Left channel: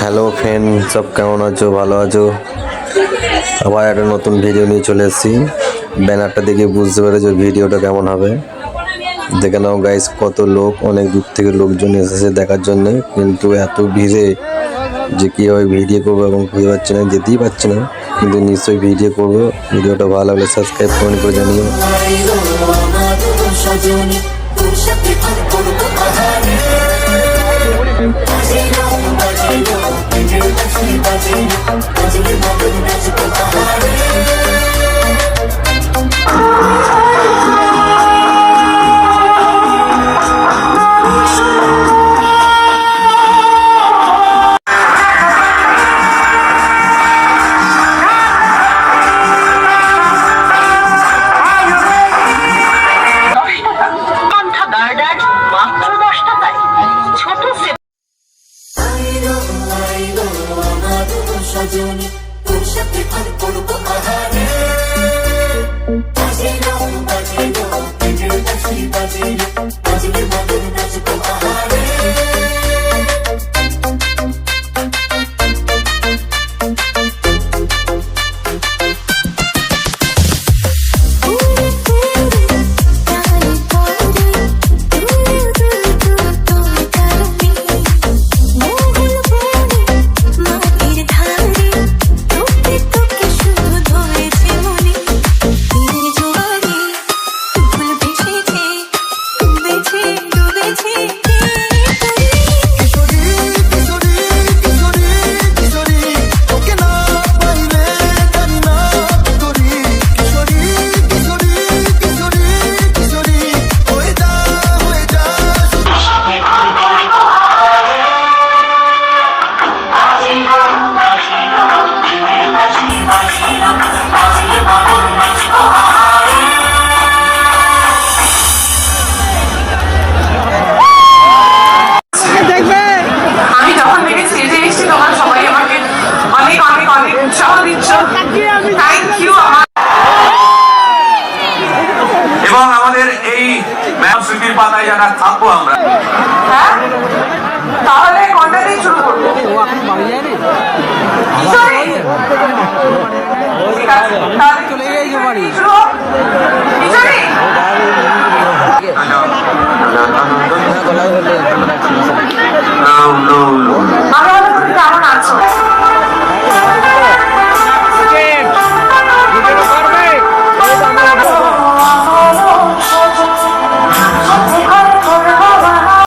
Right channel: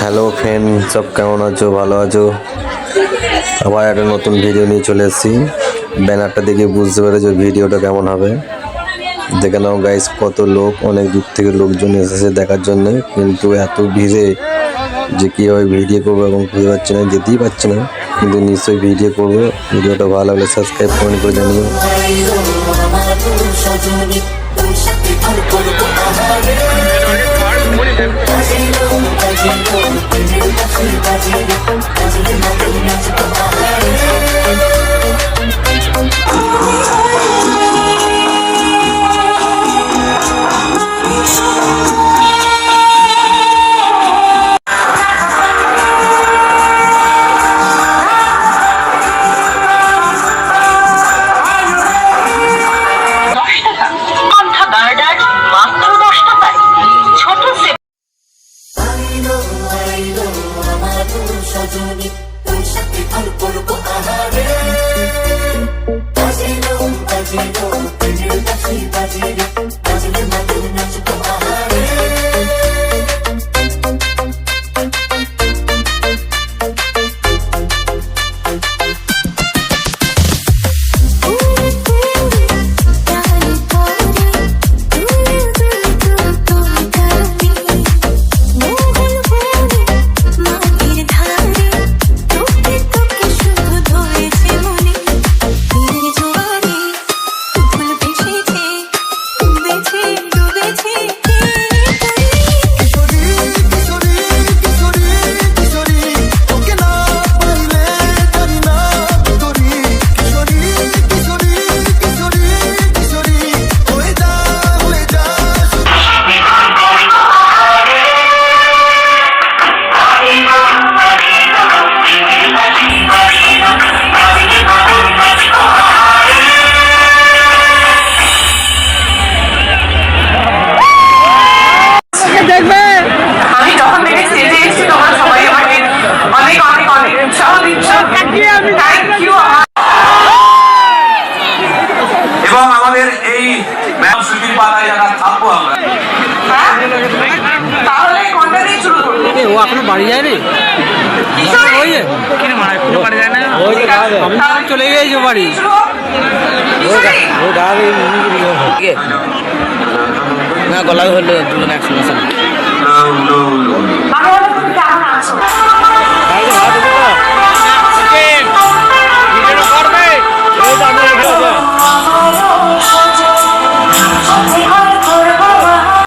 Hello friend, সব কেমন আছো? ভালো আছো? আবার একটা নতুন ভিডিও নিয়ে চলে এসেছি। ব্যানারটা দেখে বুঝতে পেরেছো ভিডিওটা কেমন হবে। দেখে নাও গাইস, কত লোক, অনেক দূর থেকে লোকজন এসেছে দেখার জন্য, কিন্তু এত ভিড়ে যে কীভাবে ভিডিও করবো এবং খুঁজে পাচ্ছি না, যেতেই পারছি না, কিন্তু নিশ্চয়ই ভিডিও করবো। ভিডিওটা ভালো লাগলে সাবস্ক্রাইব কমেন্ট করে জানিও। সজনী তোর সাথে ভালো করবো আহারে বাজিলো বাজিলো পেজের বাজি বাজিলো বাজিলে মধুর নাচবো আহারে এবং আমাদের এই স্মৃতির পাতায় যারা থাকবো আমরা। ও এখনো বাড়ি যায়নি? এখনো বাড়ি যায় না? চলে গিয়েছো বাড়ি? গলা হলে একসঙ্গে